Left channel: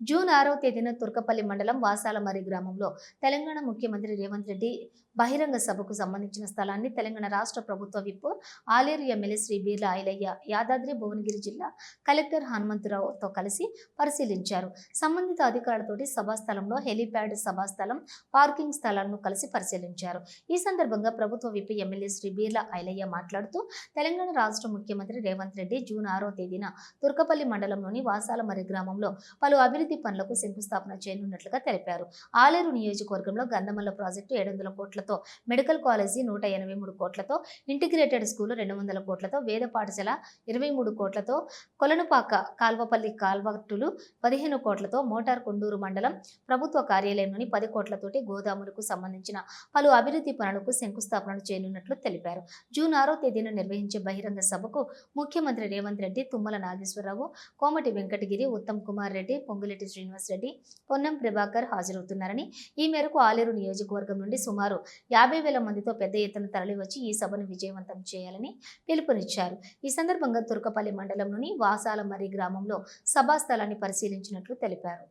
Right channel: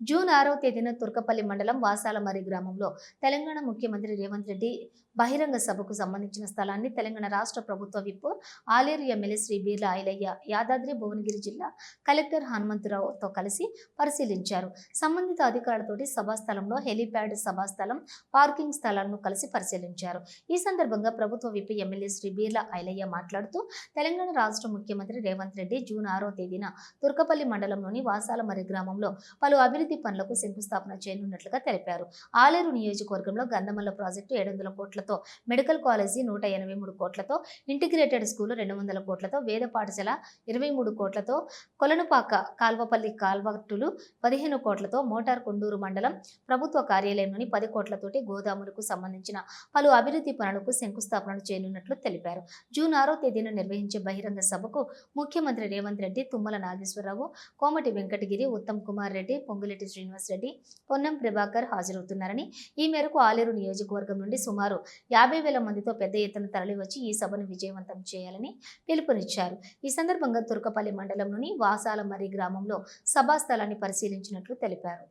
June ఆరవ తేదీన తుర్కపల్లి మండలం వాసాలమరి గ్రామంలో తెలంగాణ ముఖ్యమంత్రి రేవంత్ రెడ్డి బహిరంగ సభకు సంబంధించిన స్థలాన్ని తెలంగాణ రాష్ట్ర ప్రభుత్వ విప్ ఆలేరు ఎమ్మెల్యే శ్రీ బీర్ల ఐలయ్య యాదాద్రి భువనగిరి జిల్లా కలెక్టర్ హనుమంతరావుతో కలిసి పరిశీలించారు. సంబంధిత అధికారులతోటి సభా స్థలంలో హెలీప్యాడ్ సభా స్థలం పార్కింగ్ స్థలాలను కలిసి పరిశీలించారు. ఈ సందర్భంగా ప్రభుత్వ విప్ ఎమ్మెల్యే శ్రీ బీర్ల ఐలయ్య మాట్లాడుతూ తెలంగాణ రాష్ట్ర ముఖ్యమంత్రి రేవంత్ రెడ్డి జూన్ ఆరో తేదీన తుర్కపల్లి మండలంలోని వాసాలమరి గ్రామంలో పలు అభివృద్ధి పనులకు శంకుస్థాపన చేయనున్నట్లుగా తెలిపారు. ఆలేరు నియోజకవర్గంలో గంధమల్ల ప్రాజెక్టు ఏడు వందల కోట్లతో మెడికల్ కాలేజీ నూట ఎనభై మూడు కోట్లతో ఇంటిగ్రేటెడ్ స్కూల్ రెండు వందల కోట్లతో వేద పాఠశాల ఇరవై మూడు కోట్లతో కొలనుపాక కాల్వపల్లి కాల్వట్టులు పదిహేను కోట్లతో మోటార్ కొండూరు మండలం ప్రభుత్వ కార్యాలయంలోని పది కోట్లతోటి గోదాములకు సంబంధించిన పలు అభివృద్ధి పనులకు శంకుస్థాపన చేయనున్నట్లు తెలిపారు. జూన్ ఆరో తేదీన నిర్వహించే బహిరంగ సభకు ముఖ్యమంత్రి రేవంత్ రెడ్డి తుమ్మల నాగేశ్వరరావు కోమటి వెంకటగిరి ఉత్తమ్ కుమార్ రెడ్డి పొంగులెట్టి శ్రీనివాస్ రెడ్డి పొన్నం ప్రభాకర్ హాజరవుతున్నారని ఈ మేరకు ఆలేరు నియోజకవర్గం నుండి సుమారు యాభై వేల మందితో పెద్ద ఎత్తున తరలివచ్చి ఈ సభను విజయవంతం చేయాలని పిలుపునిచ్చారు. ఈ సందర్భంగా తుర్కపల్లి మండలంలోని వాసాలమర్రి గ్రామంలో సభా స్థలాన్ని పరిశీలించినట్లు తెలిపారు.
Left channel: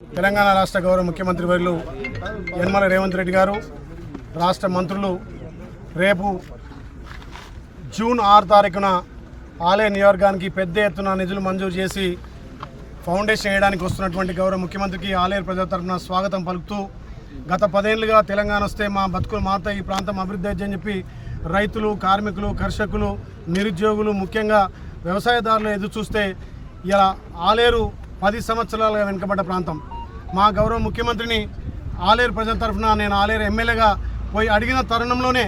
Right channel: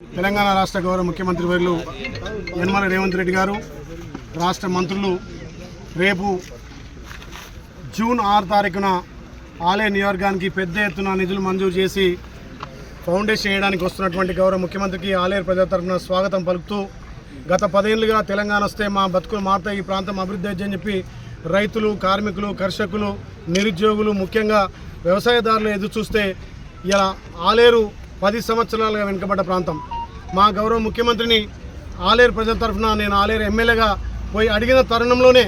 తెలంగాణ రాష్ట్ర గౌరవ ముఖ్యమంత్రి వర్యులు నిర్మల రేవంత్ రెడ్డి గారు రాష్ట్ర మంత్రులు రేపు జూన్ ఆరు తారీఖున ఆలయ నియోజకవర్గానికి పెద్ద ఎత్తున నిధులు మంజూరు చేసి ఫౌండేషన్ వేయడానికి వస్తున్నటువంటి గౌరవ ముఖ్యమంత్రికి ఆలేరు ప్రజల తరఫున స్వాగతం పలుకుతూ గత పదేళ్ళుగా తెలంగాణ వస్తే మా బతుకులు మారుతాయి ఈ ప్రాంతం అభివృద్ధి అవుతుందని చెప్పి రైతులు కార్మికులు కర్షకులు నిరుద్యోగులు ముఖ్యంగా వ్యవసాయదారులు ఎదురు చూస్తే ఇలా ఆలేరు పది సంవత్సరాలుగా వెనుకబడ్డ ప్రాంతం. మా గౌరవ ముఖ్యమంత్రిని ఆలేరు ప్రజల తరఫున నేను ఆలేరు ఎమ్మెల్యేగా పోయి అడిగిన తరుణంలోనే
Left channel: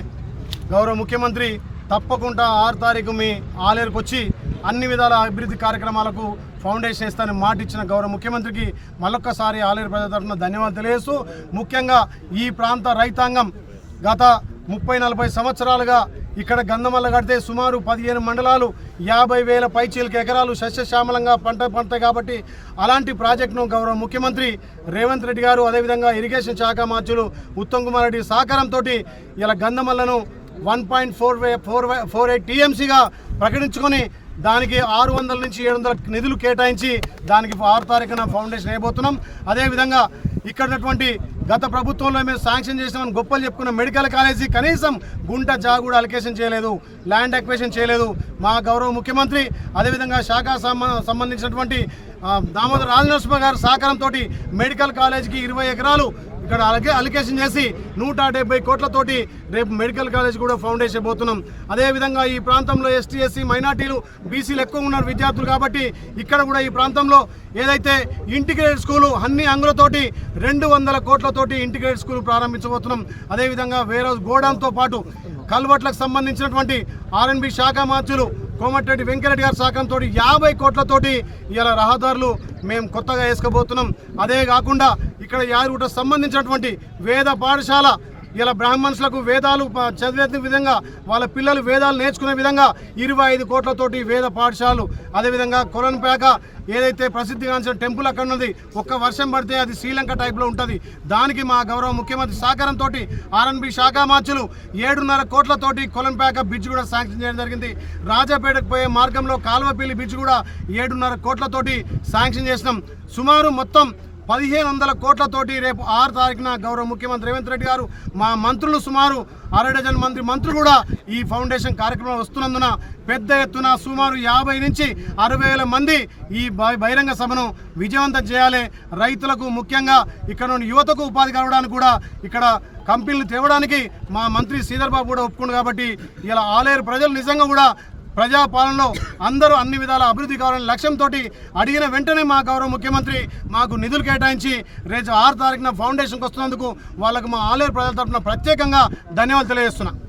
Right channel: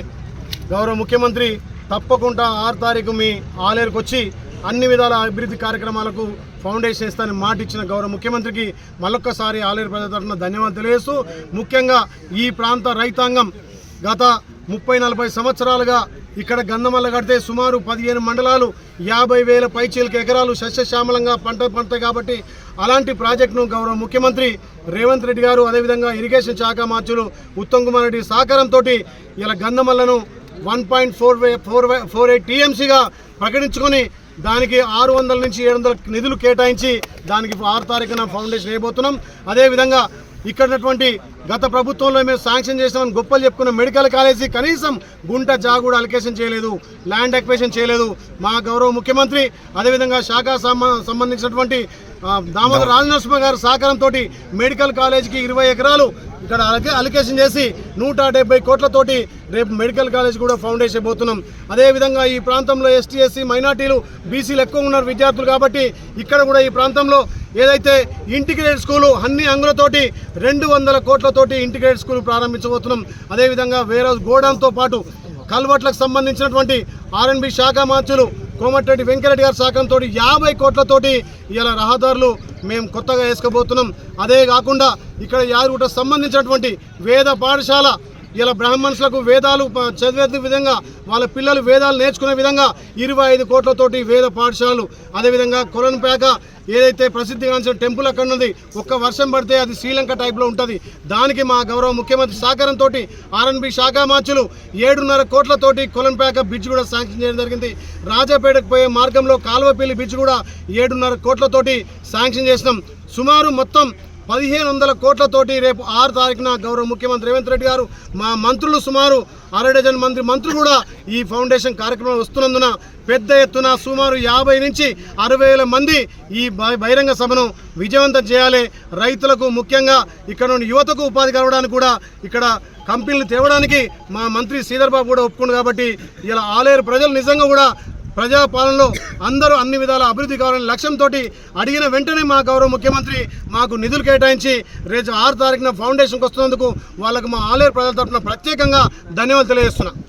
గౌరవ ముఖ్యమంత్రి తప్పకుండా ఆరు తారీఖు మీ ఆలేరుకు వచ్చి అన్ని విధాల అభివృద్ధి కార్యక్రమాలకు ఫౌండేషన్ ఇస్తానని మాట ఇచ్చిన గౌరవ ముఖ్యమంత్రికి మళ్ళొక్కసారి ఆలేరు ప్రజల తరఫున ధన్యవాదాలు తెలియజేస్తూ ముఖ్యంగా ఈ ప్రాంత రైతాంగం గత ముప్పై నలభై సంవత్సరాలుగా ఇక్కడ గంధమల్ల కడితే సుమారు పదిహేను మండలాలు యాభై వేల పైచీలకి ఎకరాలు సస్యశ్యామలంగా పంట పంటాయి కాబట్టి అలాంటి ప్రాజెక్టును గౌరవ ముఖ్యమంత్రి రేవంత్ రెడ్డి గారు అదేవిధంగా ఇరిగేషన్ శాఖ మంత్రులు ఉత్తమ్ కుమార్ రెడ్డి సహకారంతో ఇలా గంధమల్లను one point four four four eight టీఎంసీగా ప్రకటించుకొని దానికి ఆరు వందల నుంచి ఏడు వందల నిధులు కేటాయించి దానికి ఆరు తారీఖున ఫౌండేషన్ వేయబోతున్నాం. అదేవిధంగా ఇక్కడ ఉన్నటువంటి గత ప్రభుత్వంలో మేము శాంక్షన్ చేసిన గొప్పలు చెప్పుకున్న మెడికల్ కాలేజీ కనీసం గుంట జాగూడ అలికేషన్ చేయలేదు ల్యాండ్ ఎక్వేషన్ చేయలేదు మా గౌరవ ముఖ్యమంత్రి. అదేవిధంగా శాఖ సంబంధించినటువంటి దామోదర రాజనరసింహ గారి సహకారంతో మెడికల్ కాలేజీకి ఇరవై ఎకరాలు ఇక్కడ అలకే అలికేషన్ చేసి నూట డెబ్బై కోట్లతోటి రేపు మెడికల్ కాలేజ్ కూడా ఫౌండేషన్ పోతున్నాం అదేవిధంగా ఈ ప్రాంతంలో ఎస్టీ ఎస్సీ మైనార్టీలు బీసీలు ఎక్కువ ఉన్నారు విద్యార్థులు కాబట్టి ఇక్కడ కూడా ఈ ప్రాంతంలో ఏదైతే ఇంటిగ్రేటెడ్ స్కూలు అన్ని అంగులతోటి రెండు వందల కోట్లతోటి ఇంటిగ్రేటెడ్ స్కూల్ ప్రారంభించబోతున్నాం. అదేవిధంగా వేరే గోడాంతో పాటు కల్వట్లకు సంబంధించినటువంటి ఆర్ఎన్బి శాఖ మార్చులు కోమటిరెడ్డి వెంకరెడ్డి గారి సహకారంతో యాభై కోట్లతోటి ఇలా రహదారులు మేము కొత్తగా వేసుకోబోతున్నాం. అదే కాకుండా ఇక్కడ యాదగిరిగుట్ట సంబంధించినటువంటి వేద పాఠశాల ఇలా బ్రాహ్మణులకు వేదాలు చదివే విధంగా వాళ్ళ పిల్లలు వేదాలు నేర్చుకునే విధంగా ఇరవై ఐదు కోట్లతోటి వేద పాఠశాలలు అదేవిధంగా కొలన్పేక ఏదైతే ప్రసిద్ధిగాంచిన టెంపుల్ అక్కడ ఉన్నది ఒక్క వర్షం పడితే అది శ్రీలంక టైప్లో ఉంటుంది. దానికి మా గౌరవ ముఖ్యమంత్రి సహకారంతో ఆర్ఎన్బి శాఖ మార్చులు ఏడున్నర కోట్లతోటి కొలంపేక బ్రిడ్జ్ కూడా శాంక్షన్ చేయడం జరిగింది. రాజాపేటకు పోయే మార్గంలో కాలువపల్లి బ్రిడ్జ్ కూడా ఏడున్నర కోట్లతోటి శాంక్షన్ చేసినాం. సుమారు మొత్తం పదిహేను వందల కోట్లతోటి రేపు ఆరు తారీఖున గౌరవ ముఖ్యమంత్రి రేవంత్ రెడ్డి గారు మా మంత్రులు సుమారు అర డజన్ మంది మంత్రులు కూడా ఈ ఫౌండేషన్ కార్యక్రమం వస్తున్నందున పెద్ద ఎత్తున సుమారు యాభై నుంచి అరవై వేల మంది ఈ బహిరంగ సభను విజయవంతం చేయాలి. రైతులకు ముఖ్యంగా ఇక్కడ నుండి యువతకు ఉపాధి కలవడానికి కూడా ఇక్కడ కంపెనీలు తేవడానికి మా మంత్రి శ్రీధర్ బాబు కూడా ఒప్పుకుండు కాబట్టి ఇలా ఆలేరు ప్రజలు నిజంగా కూడా ప్రజాపాలనలో అందరూ అన్ని విధాల అభివృద్ధి కావాలని లక్ష్యంతో అడిగిన వెంటనే మా గౌరవ ముఖ్యమంత్రి మాకు నిధులు కేటాయించి రేపు ఆరు తారీఖున ఫౌండేషన్కి వస్తున్నందుకు వాళ్ళకు మా ఆలేరు ప్రజల తరఫున ప్రత్యేకంగా ధన్యవాదాలు తెలియజేస్తున్నాను